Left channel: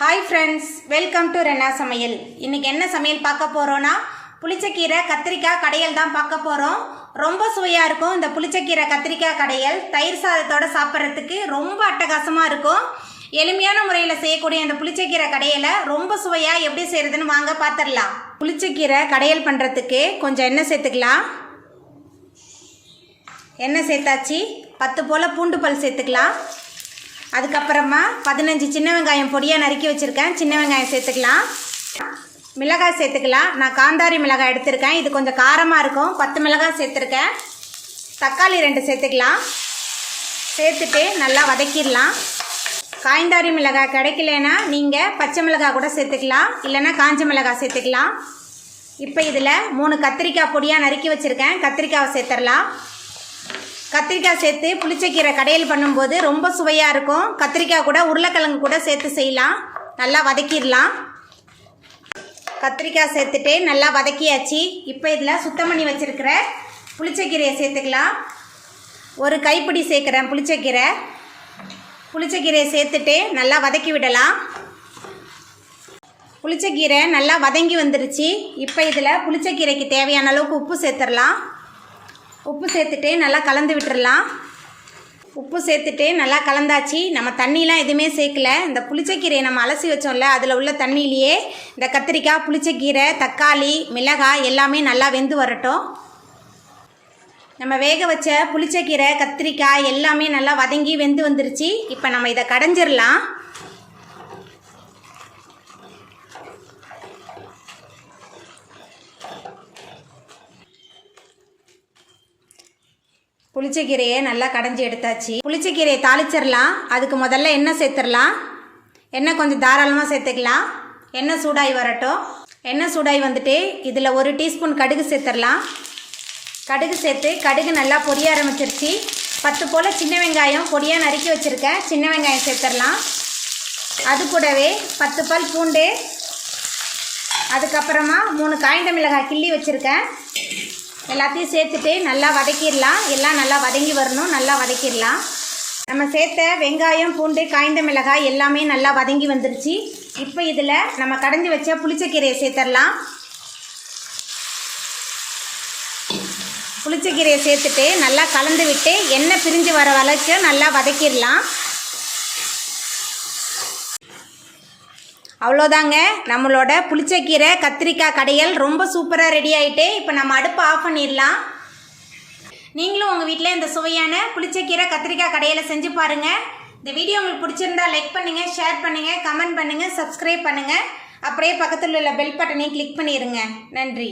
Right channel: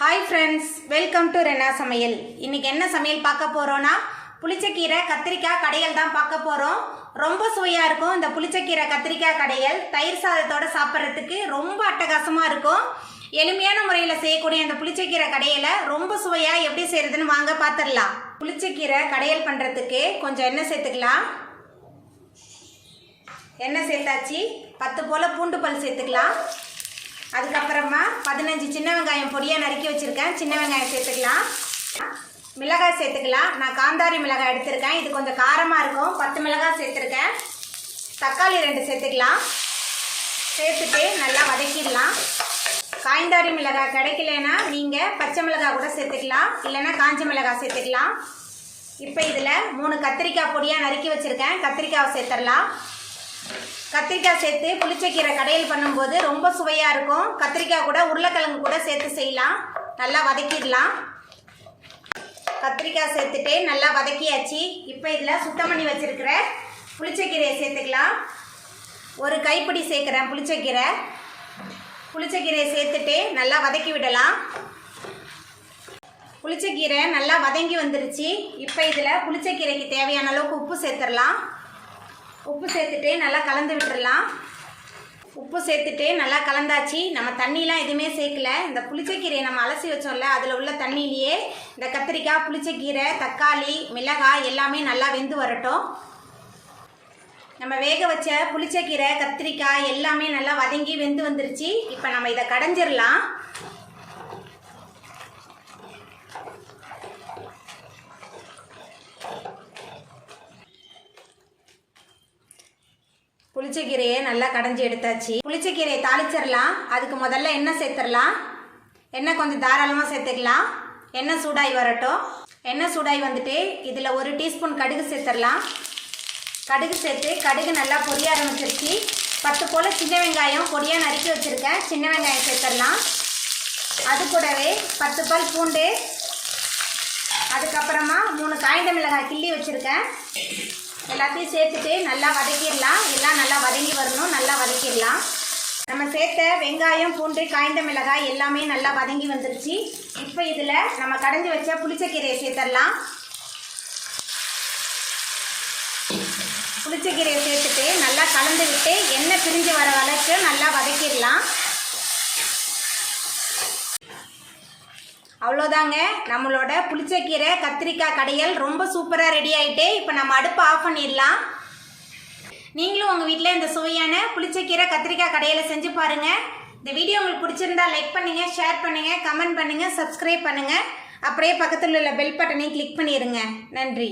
Hi friends, welcome to Renna Samayal. இன்னைக்கு என்ன சமையல் பார்க்க போறோம்னா புளிச்சக்கீரை கத்திரிக்காய் கடையல் தான் பார்க்க போறோம். ரொம்ப சுவையா இருக்கும். இந்த புளிச்சக்கீரை கத்திரிக்காய் கடையல் தயிர் சாதத்தோட சாப்பிட்றதுக்கு ரொம்ப அட்டகாசமா இருக்கும். எளிமையான முறையில் செய்யக்கூடிய இந்த புளிச்சக்கீரை கடையலை ரொம்ப சுவையா எப்படி செய்யறதுன்னு வாங்க பார்த்துடலாம். புளிச்சக்கீரை கடையல் பண்றதுக்கு கொஞ்சம் எண்ணெய் சேர்த்துக்கலாம். எண்ணெய் சேர்த்தாச்சு. 10 போல பூண்டு பல் சேர்த்துக்கலாம். அதுக்கப்புறமா 15 சின்ன வெங்காயம் பொடியாக நறுக்கி வச்சுருக்கேன். சின்ன வெங்காயம் சேர்த்துக்கலாம். மிளகாய் சேர்த்துக்கலாம். நான் காந்தாரி மிளகாய் எடுத்திருக்கேன். இது கொஞ்சம் காரமாக இருக்கும். 10 மிளகாய் சேர்த்துருக்கேன். தக்காளி 2 சேர்த்துக்கலாம். சேர்த்துட்டு நல்லா வதக்கிடலாம். காய்ந்தாரி மிளகாய் கிடைக்கலனா நீங்கள் பச்சை மிளகாய் கூட சேர்த்துக்கலாம், இல்லைன்னா காஞ்ச மிளகாய் சேர்த்துக்கலாம். இப்போ இதில் 3 கத்திரிக்காய் பொடியாக நறுக்கி வச்சுருக்கேன். கத்திரிக்காவை சேர்த்துடலாம். கத்திரிக்காய் சேர்த்து புளிச்சக்கீரை கடையல் பண்ணும்போது ரொம்ப சுவையாக இருக்கும். கத்திரிக்காய் கூட உருளைக்கிழங்கு கூட சேர்த்து செய்யலாம். நல்லா வதக்கிடலாம். கத்திரிக்காய் சேர்த்துட்டு நல்லா வதக்கியாச்சு. இப்போ இதில் சுத்தம் பண்ணி வச்சுருக்கிற புளிச்சக்கீரையை சேர்த்துக்கலாம். ஒரு கைப்பிடி சேர்க்குறேன் புளிச்சக்கீரையை சேர்த்துட்டு நல்லா வதக்கி விடலாம். புளிச்சக்கீரை நல்லா வதங்கி வந்துருச்சு. இப்போ இதில் புளிச்சக்கீரைக்கு தேவையான அளவுக்கு உப்பு சேர்த்துடலாம். உப்பு சேர்த்துட்டு நல்லா கலந்து விட்டுடலாம். உப்பு சேர்த்துட்டு நல்லா கலந்தாச்சு. நம்ம தண்ணிலாம் எதுவுமே சேர்க்கல. இந்த புளிச்சக்கீரையை நம்ம அலசி வச்சோம்ல, அதில் உள்ள தண்ணியிலேயே இந்த கத்திரிக்காய், புளிச்சக்கீரை, தக்காளி, மிளகாய் எல்லாமே நல்லா வெந்து வரட்டும். நம்ம வேக வச்ச புளிச்சக்கீரை, கத்திரிக்காய் எல்லாமே நல்லா வதங்கி வெந்து வந்துருச்சு. இப்போ நம்ம இதை கடைஞ்சிடலாம். புளிச்சக்கீரையை நல்லா கடைஞ்சி எடுத்தாச்சு. புளிச்சக்கீரையை தாளிச்சிடலாம். அதுக்கு முதல்ல எண்ணெய் சேர்த்துடலாம். எண்ணெய் கொஞ்சம் தாராளமாக சேர்த்துக்கலாம். எண்ணெய் சூடாகி வரட்டும். எண்ணெய் சூடாகி வந்துட்டு இதில் 1 டீஸ்பூன் கடுகு சேர்த்துடலாம். கடுகு சேர்த்து கடுகு நல்லா பொரிய ஆரம்பிச்சிருச்சு. 10 போல் சின்ன வெங்காயம் பொடியாக நறுக்கி வச்சுருக்கேன். சின்ன வெங்காயம் சேர்த்துடலாம். அது கூடவே 10 பல் பூண்டு, அதுக்கப்புறமா 3 காய்ந்த மிளகாய் கிள்ளி வச்சுருக்கேன். எல்லாத்தையும் சேர்த்துட்டு நல்லா வதக்கிடலாம். எல்லாம் நல்லா வதங்கி வரணும். நல்லா வதக்கிடலாம். நம்ம சேர்த்த வெங்காயம், பூண்டு, காய்ந்த மிளகாய் எல்லாமே நல்லா வதங்கி வந்துருச்சு. இப்போ இதில் நம்ம கடைஞ்சி வச்ச புளிச்சக்கீரையை சேர்த்துடலாம். புளிச்சக்கீரையை சேர்த்துட்டு நல்லா கலந்து விட்டு எண்ணெய் பிரிஞ்சு வர வரைக்கும் நல்லா வதக்கிடலாம். அவ்வளோதாங்க, நம்மளோட புளிச்சக்கீரை கத்திரிக்காய் கடையல் ரொம்ப சூப்பராக ரெடி ஆகிட்டு. இப்போ நம்ம அடுப்பை ஆஃப் பண்ணிடலாம். நீங்களும் உங்கள் வீட்டில் இந்த சுவையான புளிச்சக்கீரை கத்திரிக்காய் கடையலை செஞ்சு பாருங்கள். இந்த வீடியோ உங்களுக்கு பிடிச்சிருந்தா லைக் பண்ணுங்கள், ஷேர் பண்ணுங்கள், கமெண்ட் பண்ணுங்கள், சப்ஸ்கிரைப் பண்ணுங்கள். அப்படியே பக்கத்தில் உள்ள பெல் பட்டனையும் கிளிக் பண்ணிடுங்க. நன்றி.